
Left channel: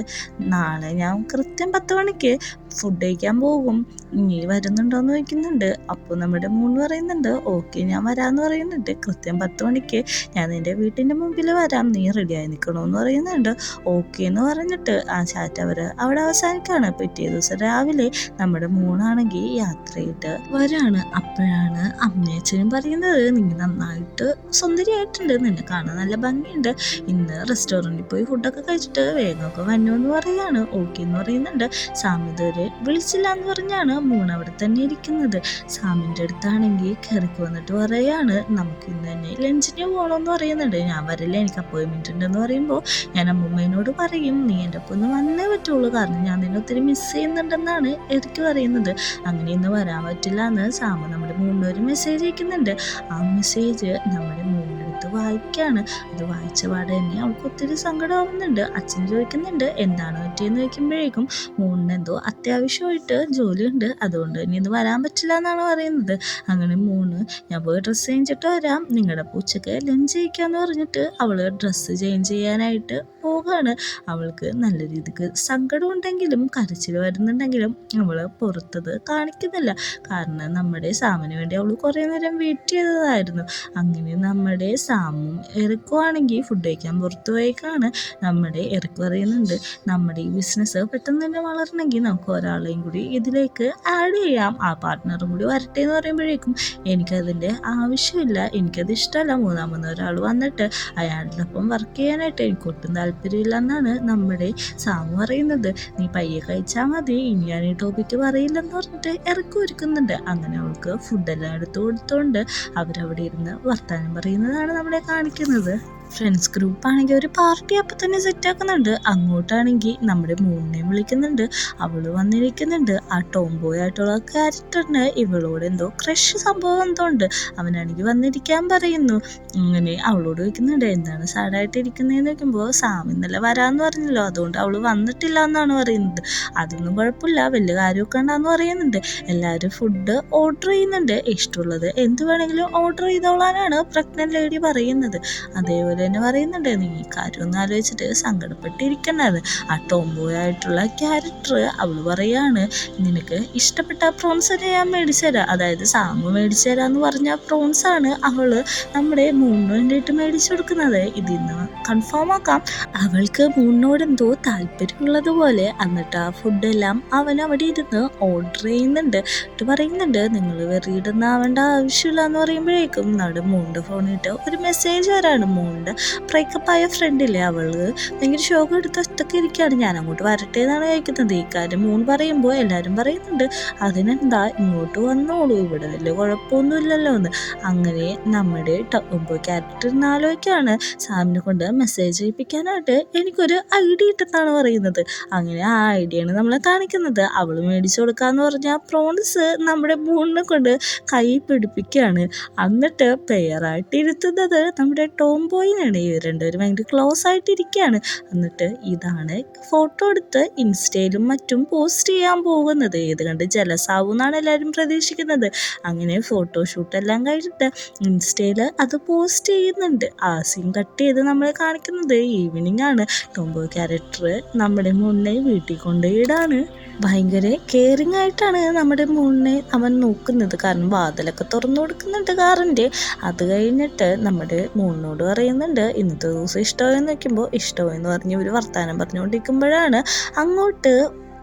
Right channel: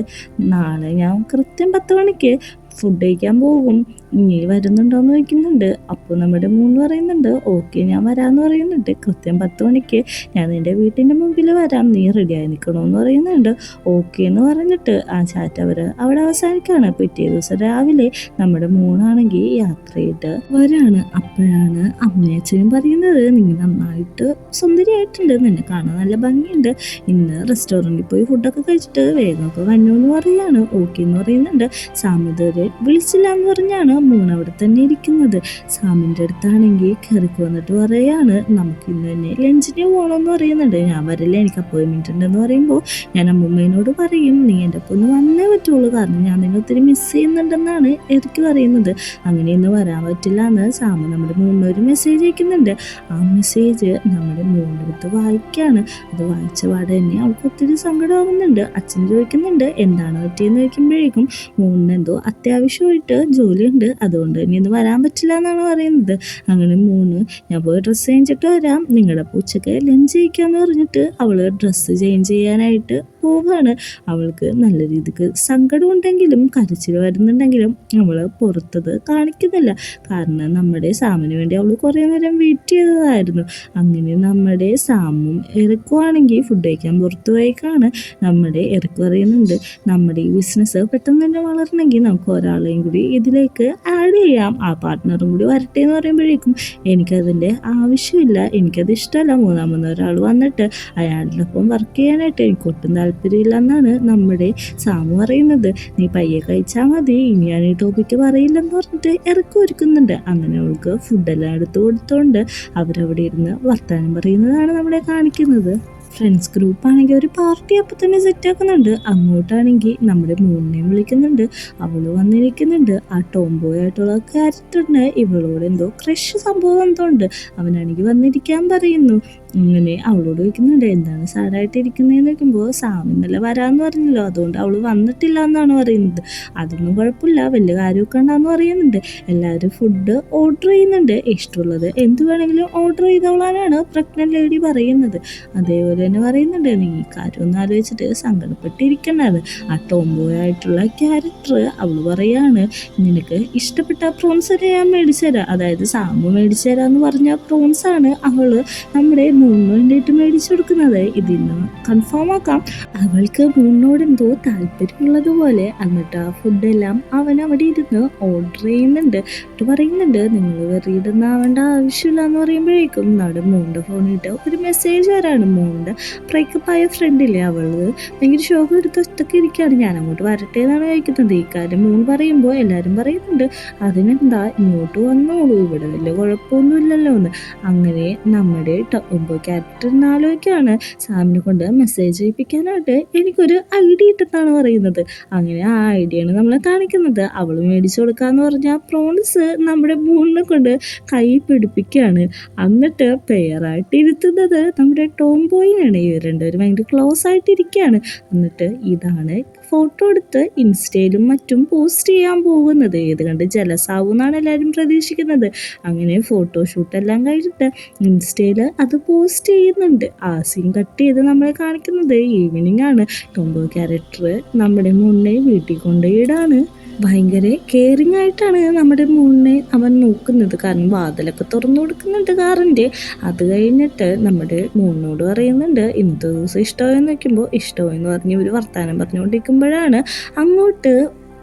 നാളെ ഞാൻ കൃത്യം 10 മണിക്ക് ഫുഡ് കഴിക്കാൻ പോകും, നീ വരുന്നുണ്ടോ എന്ന് ചോദിക്കുന്നുണ്ട്. അപ്പോൾ നമ്മുടെ മൂന്ന് പറയുന്നുണ്ട് ഓക്കെ ഞാൻ വരാമെന്ന് പറയുന്നുണ്ട്. കൃത്യം 10 മണിക്ക് ഞാൻ നിൻ്റെ വീട്ടിൻ്റെ മുമ്പിൽ വരാം, നീ റെഡിയായി നിൽക്കണമെന്ന് പറയുന്നുണ്ട്. ഓക്കെ എന്ന് പറഞ്ഞിട്ട് ആ ചാറ്റ് അവിടെ അവസാനിക്കുകയാണ്. പിറ്റേ ദിവസം രാവിലെ നമ്മുടെ മൂന്നാണെങ്കിൽ യാത്ര ചെയ്ത് വരാണ്. അപ്പോഴാണ് അമ്മയച്ഛനും പറയുന്നത് നീ നന്നായിട്ട് സുന്ദരിയായിട്ടുണ്ട്, നിന്നെ കാണാൻ നല്ല ഭംഗിയുണ്ട്, ഇന്ന് റെസ്റ്റോറൻറ്റിൽ പോയി ഫുഡൊക്കെ കഴിച്ചിട്ട് വേഗമൊക്കെ വന്നു എന്ന് പറയാണ്. ഓക്കെ എന്ന് പറയുന്നുണ്ട്. സാമിതൊരു വിളിച്ചില്ല എന്ന് പറഞ്ഞാണ് മൂന്ന് അവിടെ തന്നെ ഇരിക്കുന്നത്. സാമിൻ്റെ അടുത്താണെങ്കിൽ കയറിക്ക് വന്നിട്ട് പറയാണ് നമുക്ക് ഇന്ന് തന്നെ ലഞ്ചിന് പോകണമെന്ന് പറയുന്നുണ്ട്. ഞാൻ വരില്ല, എനിക്ക് അപ്പോയിൻമെൻറ്റ് ഉണ്ടെന്ന് പറയുമ്പോൾ ഞാൻ അമ്മൂമ്മേനോട് പറയും നീ എൻ്റെ ഒപ്പം ഒന്ന് വന്നേ പറ്റുള്ളൂ, കാരണം ഞാൻ നിന്നെ ഒത്തിരി മിസ് ചെയ്യുന്നുണ്ടെന്നാണ് എനിക്ക് പറയുന്നത്. അങ്ങനെ ഇന്ന് വരാൻ പറ്റില്ല എന്ന് സാമ നമ്മുടെ മൂന്നൊരു മെസ്സേജ് അയക്കുന്നുണ്ട്. ആ മെസ്സേജ് നമ്മുടെ മൂന്നെടുത്ത് വായിക്കുകയാണ്. അത് വായിച്ച പാടെ തന്നെ അവൾക്ക് ഒത്തിരി സങ്കടമാകുന്നുണ്ട്. അച്ഛൻ ചോദിക്കുന്നുണ്ട് എന്താണ് പറ്റിയെന്ന് ചോദിക്കുമ്പോഴേക്കും മൂന്നിന് എന്തോ അത്യാവശ്യമായിട്ട് ജോലിയുണ്ട്, അതുകൊണ്ട് ഇനി ഇന്ന് വരാൻ പറ്റില്ല എന്നാണ് പറയുന്നത്. അങ്ങനെ മൂന്ന് ഞാൻ പോയി ഡ്രസ്സ് ചേഞ്ചിട്ട് വരാം, നിങ്ങളുടെ ഉച്ചയ്ക്ക് ലഞ്ച് കഴിക്കാമെന്ന് പറഞ്ഞിട്ട് അവൾ ഡ്രസ്സ് ചേഞ്ച് ചെയ്യാനായിട്ട് പോവുകയാണ്. അവൾക്ക് നല്ല രീതിക്ക് സങ്കടമുണ്ടെങ്കിലും കരച്ചിൽ വരുന്നുണ്ടെങ്കിലും അവൾ പുറത്തത് കാണിക്കുന്നില്ല. കാരണം നമ്മുടെ സാമിന് വേണ്ടി അവൾ കുറേ നേരം വെയിറ്റ് ചെയ്തതായിരുന്നു. അങ്ങനെ നമ്മുടെ സാമും എറിക്കുവാണെങ്കിൽ ഫുഡ് കഴിക്കാൻ പുറത്തു പോയേക്കാണ്. നമ്മുടെ എറിക്ക് പറയുന്നുണ്ട് നമ്മുടെ ഈ ബിസിനസ് പെട്ടെന്ന് തന്നെ വളരണമെങ്കിൽ നമുക്ക് ഒരാളെയും കൂടി ഇതിലേക്ക് ആഡ് ചെയ്യാം, ആ പാർട്ട്ണറും കൂടി വരട്ടെ എന്ന് പറയുമ്പോഴേക്കും എനിക്കതിൻ്റെ ആവശ്യമില്ല, എനിക്കത് ഇഷ്ടമല്ല. മൂന്നാമത് ഒരാൾ വന്നിട്ട് അയാളുടെ ഒപ്പം വർക്ക് ചെയ്യാനായിട്ട് എനിക്ക് ഒട്ടും താല്പര്യമില്ല എന്നാണ് നമ്മുടെ സാമു പറയുന്നത്. നീ പയ്യെ കഴിച്ചാൽ മതി, ഇനി ഞാൻ ഈ ടോപ്പിക്ക് പറയില്ലെന്ന് പറഞ്ഞിട്ട് ഇറക്കി ഒരുക്കുന്നുണ്ട്. അങ്ങനെ അവൾക്ക് ഫുഡെല്ലാം എടുത്തു കൊടുത്തോണ്ട് അവരവിടെ ഇരുന്ന് വർത്താനം പറയുന്നതാണ് നമ്മളെ കാണിക്കുന്നത്. ഫ്രണ്ട്സ് ഗ്രൂപ്പാണെങ്കിൽ ഒരു പാർട്ടി അപ്പം തന്നെ സെറ്റാക്കുന്നുണ്ട്. അങ്ങോട്ടാണെങ്കിൽ നമ്മുടെ മൂന്നിനെയും വിളിക്കുന്നുണ്ട്. അവൾ വന്നിരിക്കുന്നുണ്ട്. ആ ടോംബോയ് ആയിട്ടുള്ള ക്യാരക്ടറിന് ഇവളോട് എന്തോ ക്രഷ് സംഭവം എന്തോ ഉണ്ട്. അവനാണെങ്കിൽ വന്നിരിക്കാൻ പറയുന്നു. അങ്ങനെ അവളോട് ചോദിക്കുന്നുണ്ട് എന്താണ് സാഡായിട്ട് ഇരിക്കുന്നതെന്ന് ചോദിക്കുമ്പോൾ സാം ഇന്നലെ വരാമെന്ന് പറഞ്ഞല്ലോ, അതുകൊണ്ട് അവൾ വന്നിട്ടില്ല എന്നാണ് പറയുന്നത്. അതൊന്നും കുഴപ്പമില്ല, വലിയ കാര്യമൊക്കെ ഉണ്ടാന്ന് പറയുന്നുണ്ട്. എല്ലാവരും ഫുഡ് ഓർഡർ ചെയ്യുന്നുണ്ട്. ഇഷ്ടമുള്ളത് എന്ത് വേണമെങ്കിലും ഓർഡർ ചെയ്തോളാനാണ് പ്രഗ്നന്റ് ലേഡി പറയുന്നത്. അതേപോലെ തന്നെ പറയുന്നുണ്ട്, നീ ഈ കാര്യം ഒന്ന് ആലോചിച്ചിട്ട് സങ്കടപ്പെട്ടിരിക്കണത്. ആ ടോംബോയ് ആയിട്ടുള്ള ക്യാരക്ടർ അവൾ പറയാണ്, നിനക്ക് ഇഷ്ടപ്പെട്ട പ്രോൺസിനെ ഞാൻ മേടിച്ചു തരാം. അതായത് സാമു മേടിച്ചു തരാന്ന് പറഞ്ഞ പ്രോൺസ് ആണ് അവള് നമ്മുടെ മൂണിന് വേണ്ടിയിട്ട് മേടിച്ചു കൊടുക്കുന്നത്. ഇതിന്ന് കൺഫേം ആക്കാം, അവൾക്ക് മൂണിനോട് എന്തോ താല്പര്യമുള്ളത് പോലെ. എന്നിട്ട് ആ ഫുഡെല്ലാം അവൻ അവിടെ ഇരുന്ന് ഓർഡർ ചെയ്യുന്നുണ്ട്. എന്നിട്ട് പറയുന്നുണ്ട്, നിങ്ങൾ വെറിയിടുന്ന ആവേണ്ട ആവശ്യമില്ല എന്ന് പറയുമ്പോഴേക്കും നമ്മുടെ മൂണിൻ്റെ ഫോണിട്ട് ഒരു മെസ്സേജ് വരാണ്. മൂണിൻ്റെ ബ്രേക്കപ്പ് ആയ ഫ്രണ്ടില്ലേ, അവള് ഭയങ്കര ഷോക്ക് എടുത്ത് ഒറ്റയ്ക്ക് ഇരിക്കുകയാണ്. ഞാൻ അങ്ങോട്ട് വരട്ടെ എന്നാണ് ചോദിക്കുന്നത്. ഈ കാര്യം മൂൺ പറയുമ്പോൾ എല്ലാവരും പറയുന്നുണ്ട്, അതിനെന്താ ഇങ്ങോട്ട് വന്നോളൂ, ഇവിടെ വലിയ കുഴപ്പമൊന്നുമില്ലല്ലോ എന്ന്. അങ്ങനെ നമ്മുടെ ടോംബോ ക്യാരക്ടർ ആലോചിക്കുകയാണ്, സാമിനെ കൊണ്ട് മെസ്സേജ് ചെയ്യിപ്പിക്കാനായിട്ട് എനിക്കൊരു ഐഡിയ ഇട്ടെന്നാണ് പറയുന്നത്. അങ്ങനെ ആ ഐഡിയയാണ് നമ്മളെ കാണിക്കുന്നത്. അവൾ മേടിച്ചു കൊടുക്കാന്ന് പറഞ്ഞാൽ പ്രോൺസ് നമ്മുടെ മൂണിനെ കൊണ്ട് കൈ പിടിപ്പിക്കുകയാണ്. എന്നിട്ട് പെയറായിട്ട് ഇരുത്തുന്നത് നമ്മുടെ ടോംബോയിനാണ്. ഇവർ രണ്ടുപേരും ഭയങ്കര ക്ലോസ് ആയിട്ടിരിക്കുകയാണ്. എന്നിട്ട് ഇതാണ് ഫോട്ടോ എടുത്ത് ഇൻസ്റ്റയിലും മറ്റും പോസ്റ്റ് ചെയ്യാൻ പോകുന്നത്. ഇത് കണ്ട് ജലസാവും എന്നാണ് എല്ലാവരും പ്രതീക്ഷിക്കുന്നത്. അങ്ങനെ ഫോട്ടോഷൂട്ടെല്ലാം കഴിഞ്ഞിട്ട് ഇൻസ്റ്റയിൽ അത് പോസ്റ്റ് ചെയ്യുന്നുണ്ട്. ആ സീൻ കട്ട് ചെയ്ത് നമ്മളെ കാണിക്കുന്നത് ഈവനിങ് ആണ്. ടോംബോ ക്യാരക്ടർ നമ്മുടെ മൂണിനെ വീട്ടിൽ കൊണ്ടുപോയിടാണ്. ഭയങ്കര കെയറിങ് ആയിട്ടാണ് നമ്മുടെ മൂണിനെ അവൻ നോക്കുന്നത്. കാരണം വാതിലൊക്കെ തുറന്നു കൊടുക്കുന്നുണ്ട് കാറിൻ്റെ. അത് കഴിഞ്ഞിട്ട് നമ്മുടെ മൂണിനോട് പറയുന്നുണ്ട്, ഇന്നത്തെ ദിവസം ഇഷ്ടമായെന്ന് വെക്കുമ്പോൾ ഇഷ്ടമായെന്ന് പറഞ്ഞ് ഇവർ വർത്തമാനം പറഞ്ഞുകൊണ്ടിരിക്കുമ്പോഴാണ് അങ്ങോട്ട്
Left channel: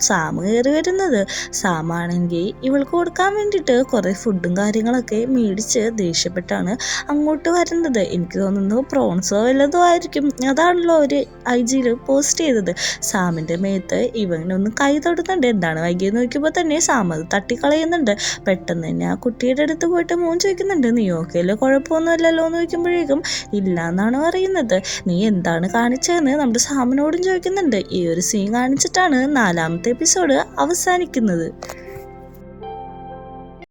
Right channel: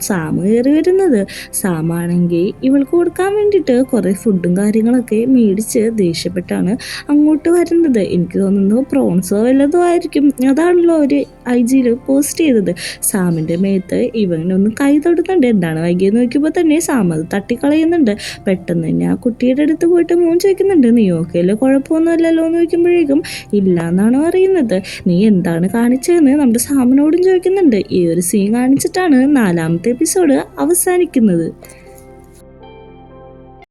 സാം കയറി വരുന്നത്. സാമാണെങ്കിൽ ഇവൾക്ക് കൊടുക്കാൻ വേണ്ടിയിട്ട് കുറേ ഫുഡും കാര്യങ്ങളൊക്കെ മേടിച്ച് ദേഷ്യപ്പെട്ടാണ് അങ്ങോട്ട് വരുന്നത്. എനിക്ക് തോന്നുന്നു പ്രോൺസോ വല്ലതും ആയിരിക്കും. അതാണല്ലോ അവർ IG പോസ്റ്റ് ചെയ്തത്. സാമിൻ്റെ മേത്ത് ഇവനൊന്ന് കൈ തൊടുന്നുണ്ട്. എന്താണ് വൈകിയെന്ന് നോക്കിയപ്പോൾ തന്നെ സാം അത് തട്ടിക്കളയുന്നുണ്ട്. പെട്ടെന്ന് തന്നെ ആ കുട്ടിയുടെ അടുത്ത് പോയിട്ട് മൂൺ ചോദിക്കുന്നുണ്ട്, നീ ഓക്കെയല്ലോ, കുഴപ്പമൊന്നും അല്ലല്ലോ എന്ന് ചോദിക്കുമ്പോഴേക്കും ഇല്ല എന്നാണ് പറയുന്നത്. നീ എന്താണ് കാണിച്ചതെന്ന് നമ്മുടെ സാമിനോടും ചോദിക്കുന്നുണ്ട്. ഈ ഒരു സീൻ കാണിച്ചിട്ടാണ് 4ാമത്തെ എപ്പിസോഡ് അവസാനിക്കുന്നത്.